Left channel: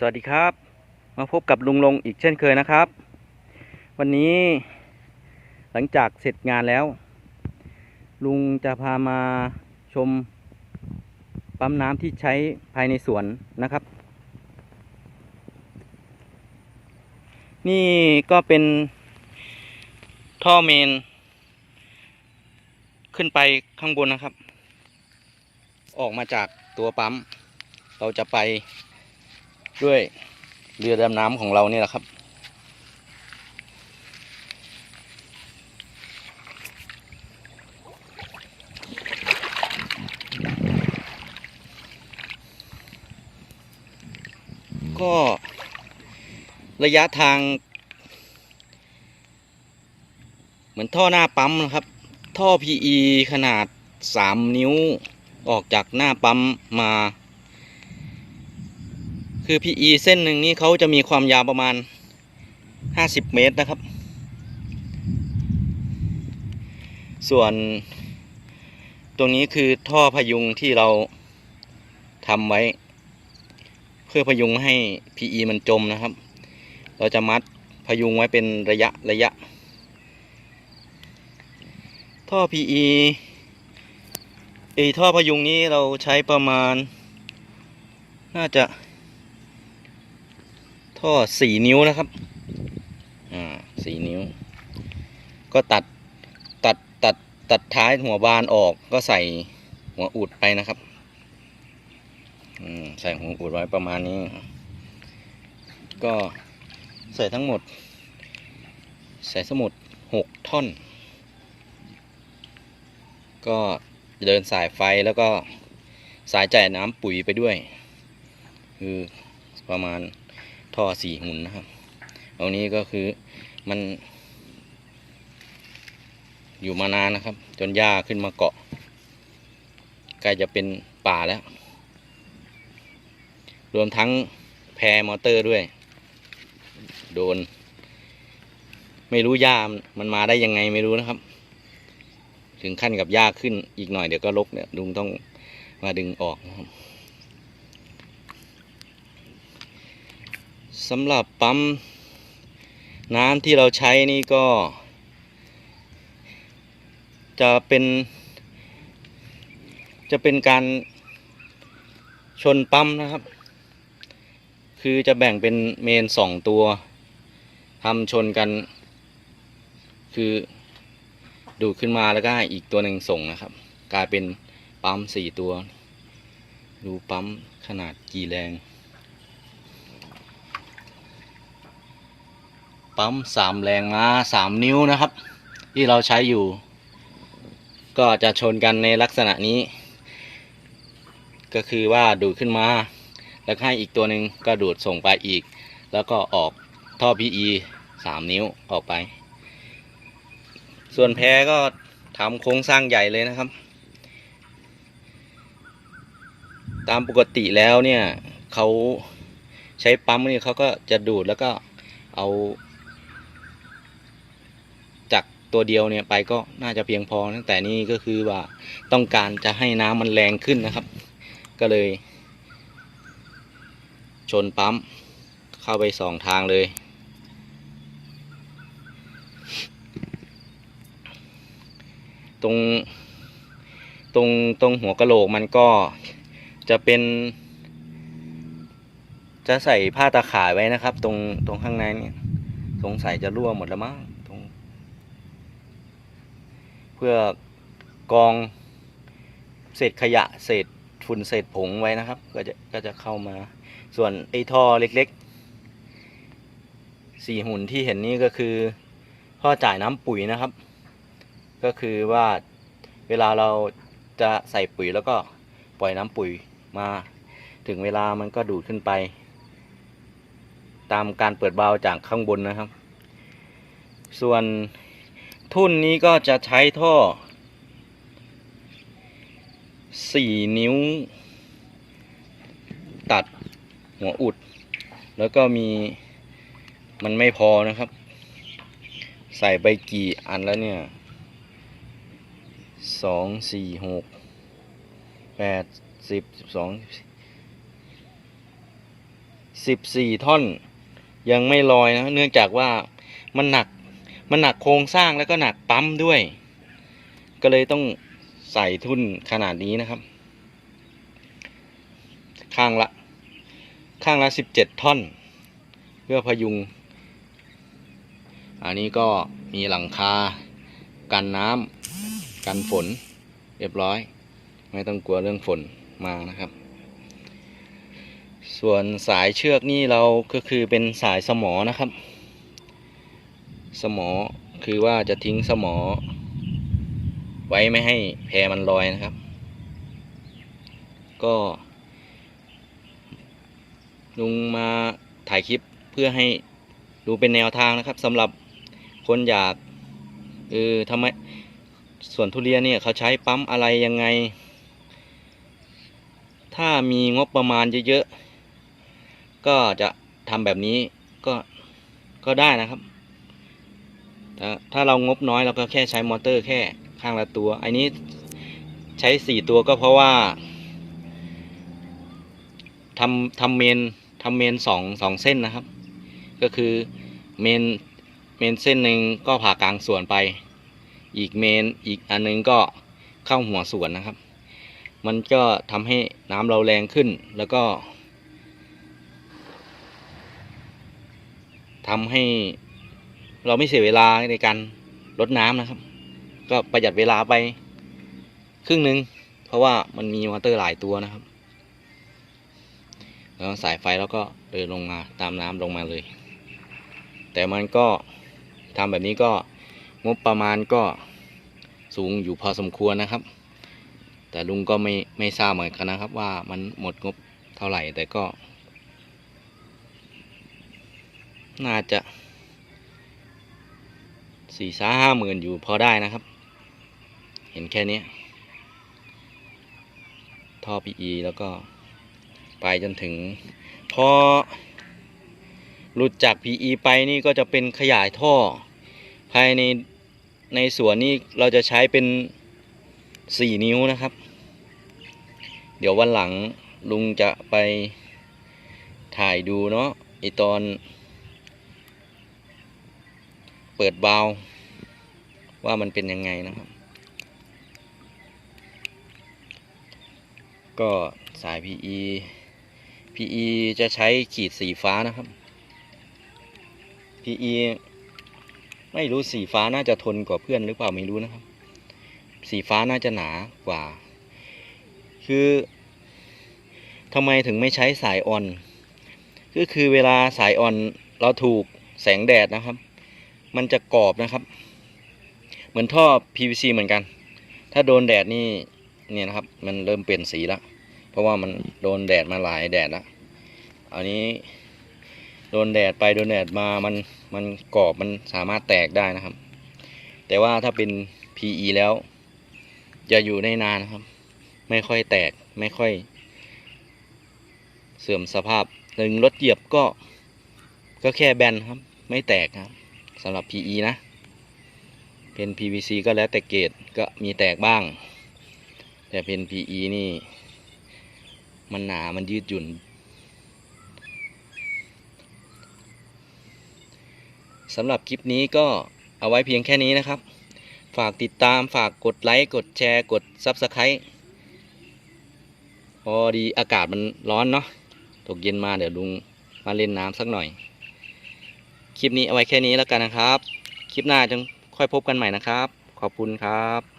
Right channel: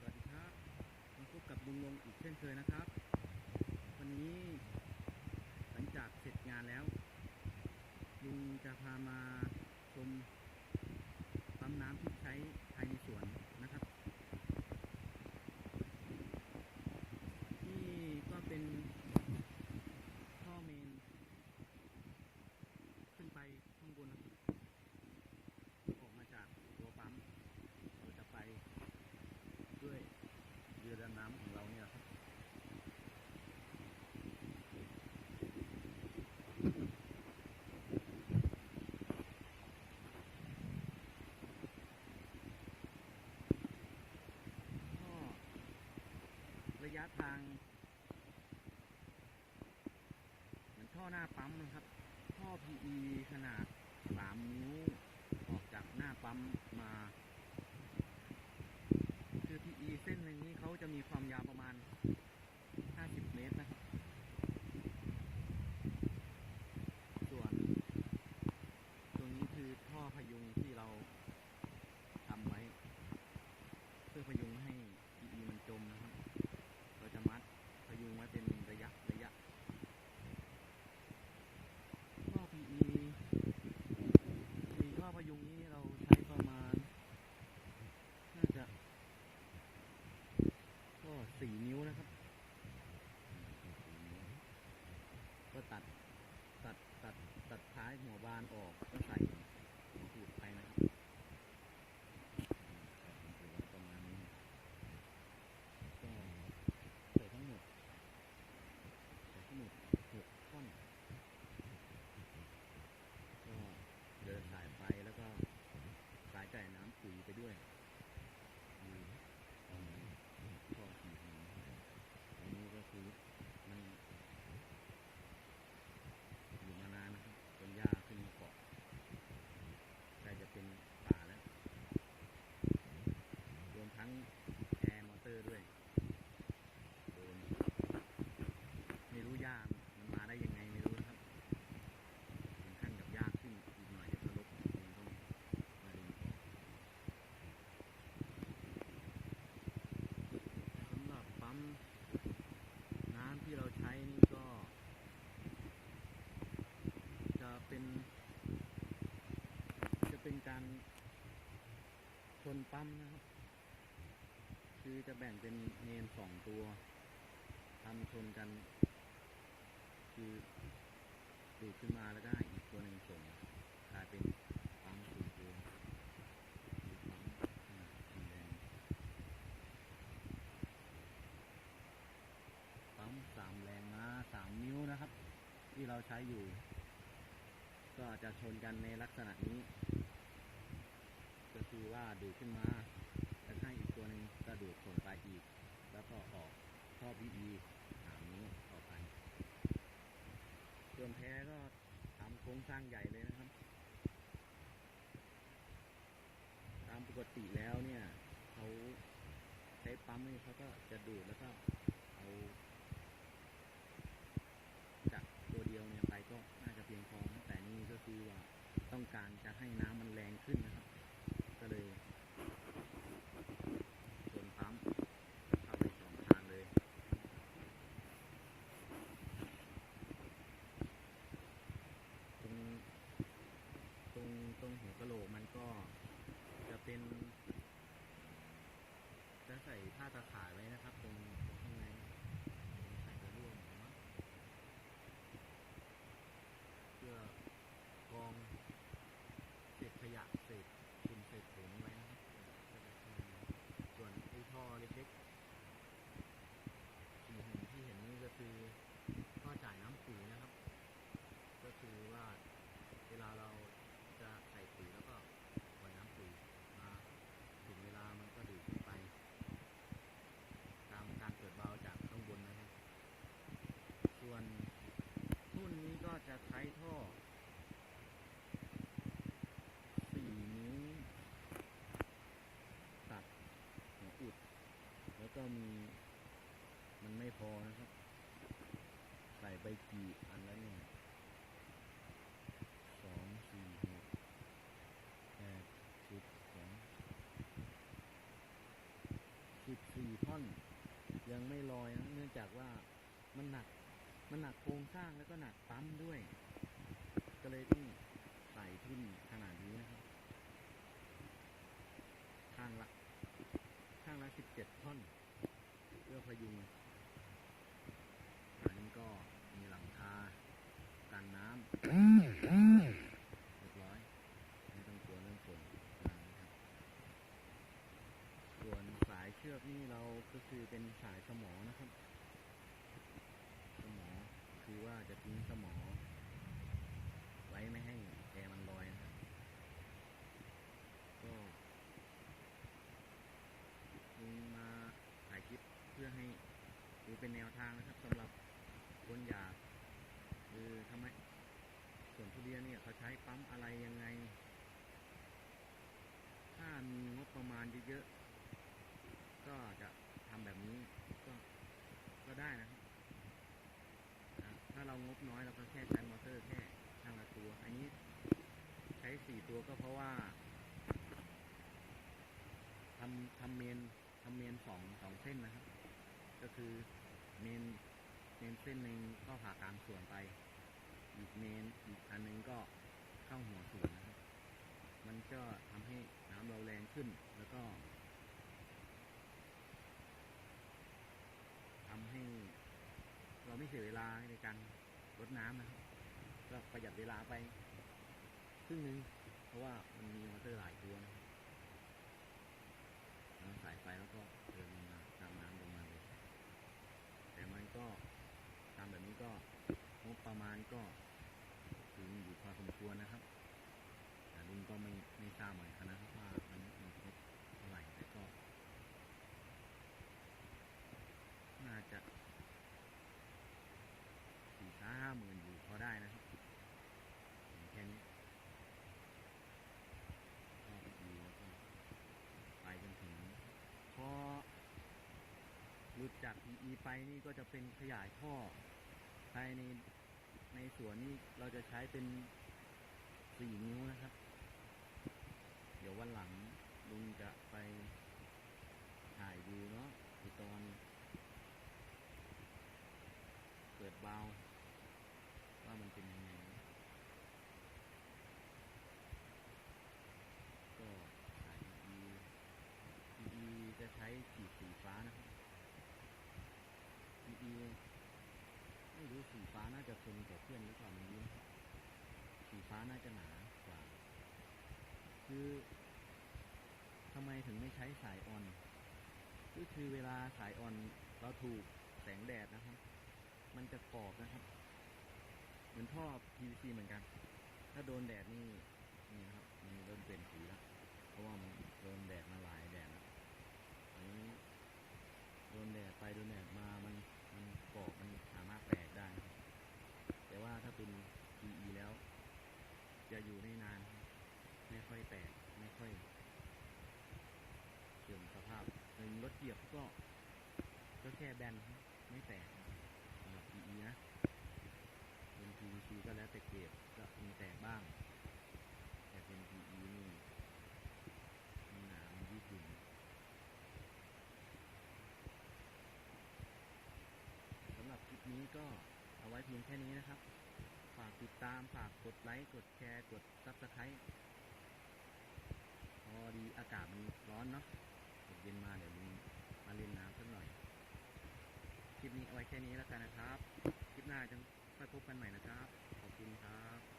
สวัสดีครับ มาพบกับลุงลงอีกเช่นเคยนะครับ วันนี้หลังจากเสร็จงานแล้ว ลุงจะพามาชมปั๊มน้ำที่ใช้ภายในสวนนะครับ นี่ก็เป็นท่อเมน ขึ้นไปข้างบนนะครับ ออกมาจากตัวปั๊ม เราจะไปด้วยเรือดำน้ำของเรานี่แหละครับ ก็ ระยะทาง เหมือนท่อหน้าปั๊มนะครับ ท่อ PE ขนาด 3 นิ้วออกจากหน้าปั๊มมา คือ PE เส้นหนึ่งนี่เขาจะมีความยาวประมาณ 50 เมตรนะครับ ส่วนตรงนี้คือท่อพยุงที่เราทำไว้ เพื่อพยุงให้ PE มันจมนะครับ เราจะมัดพยุงไว้เป็นระยะระยะ ท่อ PE ไอท่อพยุงนี้เราใช้ประมาณ น่าจะ ท่อสี่นิ้วนะครับ อ่าสี่นิ้ว ก็ตัดตัดตัดตัดท้ายหัวบานออกก็ใส่หัวอุดไปนะครับอืมใส่หัวอุดไว้ประมาณนี้ ก็ ใส่ทั้งหมด ใส่สมุดหกท่อน ก็เดินสายไฟแล้วก็สายจ่ายน้ำปุ๋ยไปด้วย คือประมาณท่อสี่หุ่นนะครับเอานี้ก็คือมันอยู่มานานนะครับ จนหญ้าขึ้นมาเกาะใกล้จะเป็นป่าแล้ว รวมทั้งแพรมอเตอร์ด้วย โดน ไม่รู้หญ้ามันมาได้ยังไงไม่รู้นะครับ ถึงขั้นกับหญ้าขึ้นอีกหน่อยเดี๋ยวก็ลกเนี่ยลุงต้องมาดึงออกนะครับสำหรับปั๊มน้ำที่เราใช้นี่ก็ จะเป็น จะเป็นการชนปั๊มนะครับ คือจะแบ่งเป็นเมนสองตัว ทำชนกัน คือดูดขึ้นมาแล้วก็ให้อีกตัวหนึ่งส่งนะครับ กลายเป็นปั๊มสี่ตัว ดูปั๊มขนาดกี่แรง ปั๊มสามแรงมาสามนิ้วนะครับ ที่เราใช้อยู่ ก็จะชนกันในลักษณะนี้ ก็คือว่าดูดขึ้นมา แล้วให้อีกตัวหนึ่งก็ดูดส่งไปอีก แล้วก็ออก ท่อ PE สามนิ้วออกไป ส่วนแพก็ทำโครงสร้างใหญ่เลยนะครับ ตามปกติแล้วเนี่ยเขาใช้ปั๊มนี่เขาก็จะดูดแล้วก็เอา จากตัวเดียวเนี่ยไปก็น่าจะเพียงพอนะแต่นี่ก็คือว่าต้องการจะให้น้ำมันแรงขึ้นนะครับ ก็เลย ชนปั๊มเข้าไปสองทางเลย ตรงตรงตรงหัวกะโหลกมันก็จะเป็น จะใส่ผ้าตาข่ายไว้นะครับ ตรงตรงข้างในนี่สงสัยจะรั่วหมดแล้วมั้งตรงเพื่อกองเศษขยะเศษฝุ่นเศษผงไว้นะครับ ก็จะก็จะเข้ามา ส่วนไอ้ท่อเล็กๆสี่หุ่นที่เห็นนี่ก็คือท่อจ่ายน้ำปุ๋ยนะครับ ก็คือว่าเวลาเราจะใส่ปุ๋ยแล้วก็ปล่อยน้ำปุ๋ยมา ถึงเวลามันก็ดูดขึ้นไป ตามการเปิดบาล์วจากข้างบนนะครับ ส่วนทุ่นนี้ก็จะใช้ท่อสี่นิ้ว ตัดหัวอุด แล้วก็มีมันไม่พอนะครับ ใส่ไปกี่อันแล้วเนี่ย สองสี่หกแปดสิบสิบสองสิบสี่ท่อน ยังไม่ลอยนะ เนื่องจากว่ามันหนักมันหนักโครงสร้างแล้วก็หนักปั๊มด้วย ก็เลยต้องใส่ทุ่นขนาดนี้นะครับ ข้างละข้างละสิบเจ็ดท่อน เพื่อพยุง อันนี้ก็มีหลังคา กันน้ำกันฝน เรียบร้อย ไม่ต้องกลัวเรื่องฝนมานะครับ ส่วนสายเชือกนี่เราก็คือเป็นสายสมอนะครับ สมอคือว่าจะทิ้งสมอ ไว้ไม่ให้แพมันลอยนะครับ ก็ลุงมาถ่ายคลิปเพื่อให้ดูเป็นแนวทางนะครับสำหรับคนอยาก เออทำไมส่วนทุเรียนเนี่ยเขาใช้ปั๊มอะไรยังไง ถ้ามีงบประมาณเยอะๆ ก็จะทำแบบนี้ก็ก็ได้นะครับ ถ้าเรางบน้อยเราก็แค่ใช้มอเตอร์แค่ข้างละตัว อันนี้ใช้สี่ตัวก็เพราะว่าทำทำเมนทำเมนสองสองเส้นนะครับ ก็คือเมน เมนเส้นหนึ่งก็ผ่ากลางส่วนไป อีกเมนอีกอันหนึงก็เข้าหัวส่วนนะครับ มันก็ทำให้น้ำเราแรงขึ้นแล้วก็ทำให้เราไม่เสียเวลาในการลดน้ำนะครับ ก็ประหยัดเวลาไปครึ่งหนึ่งเพราะว่ามันมีมอเตอร์หลายตัวนะครับ แล้วสายไฟแล้วก็เดินลงมาตามน้ำลงมาเลย แต่มันก็ ทำแบบนี้ก็งบประมาณก็สูงอยู่พอสมควรนะครับ แต่ลุงก็ไม่ไม่ทราบเหมือนกันนะครับ ว่ามันหมดงบเท่าไหร่แต่ก็ น่าจะสี่สาห้าหมื่นอยู่พอได้นะครับ เห็นแค่นี้ท่อ PE แล้วก็ไปจนถึง พอหลุดจาก PE ไปนี่ก็จะเป็นขยายท่อ ภายในในสวนนี่เราจะใช้เป็น4นิ้วนะครับ เดี๋ยววันหลังลุงจะไปถ่ายดูเนาะไอตอน เปิดบาวว่ามันเป็นยังไงนะครับ ก็สาย PE PE จะใช้ขีดสีฟ้านะครับ PE ไม่รู้สีฟ้าน่าจะทนกว่าเพื่อนหรือเปล่าไม่รู้นะครับ สีฟ้าน่าจะหนากว่า คือทำไมถึงไม่ใช้สายอ่อน ก็คือเวลาสายอ่อนเราถูกแสงแดดนะครับ มันจะกรอบนะครับ เหมือนท่อ PVC เหมือนกัน ถ้าโดนแดดนี่เนี่ยนะครับ มันเริ่มเปลี่ยนสีแล้ว เพราะว่ามันโดนแดดมาหลายแดดแล้วอันนี้ โดนแดดไปโดนแดดมามันมันกรอบมันสามารถแตกได้นะครับ แต่ว่าถ้าเป็น PE แล้ว จะอยู่ได้นานนะครับ ไม่ค่อยแตกไม่ค่อย เสื่อมสภาพหนึ่งรถเหยียบก็ก็แค่แบนครับ ไม่แตกครับสำหรับ PE นะ เป็น PVC ก็แล้วแต่เกรดก็มีแตกบ้าง แต่เป็น PE นี่ มันหนามันยืดหยุ่น สำหรับคลิปนี้ก็เอาไว้เพียงแค่นี้นะครับ ฝากติดตามฝากกดไลค์กดแชร์กด s u b สไครต์พอดีอากาศมันร้อนเนาะตกเย็นมาเดี๋ยวลุงมาเล่นน้ำสักหน่อย คลิปนี้เอาไว้แค่นี้แล้วกันนะครับ คลิปหน้าจะค่อยพบกันใหม่นะครับ ขอบคุณครับ